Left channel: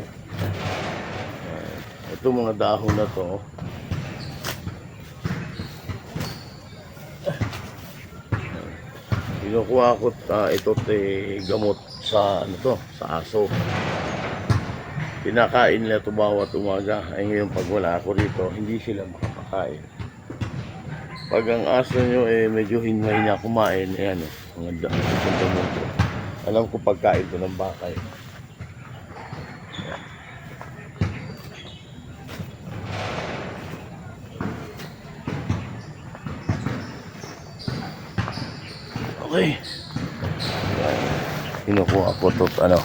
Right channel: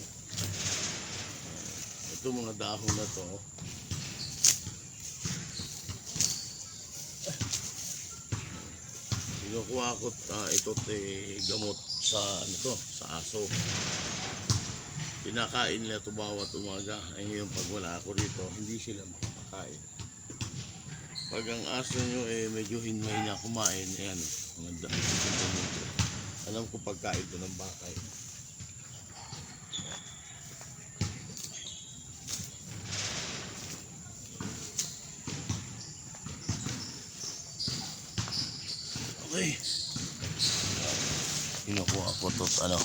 lalaki. Ito mga dahon na to. Kinukuha ko ito gamot sa ano to, sa aso. Pinakain nila ito bawat umaga. Ay ngayon pag wala ako rito, hindi sila makapakain. Pag ang aso nyo medyo hinway niya kumain, ayan mga dahon. Alam ko pagkain ko ng baka eh. Okay. Kinukuha ko ito ano.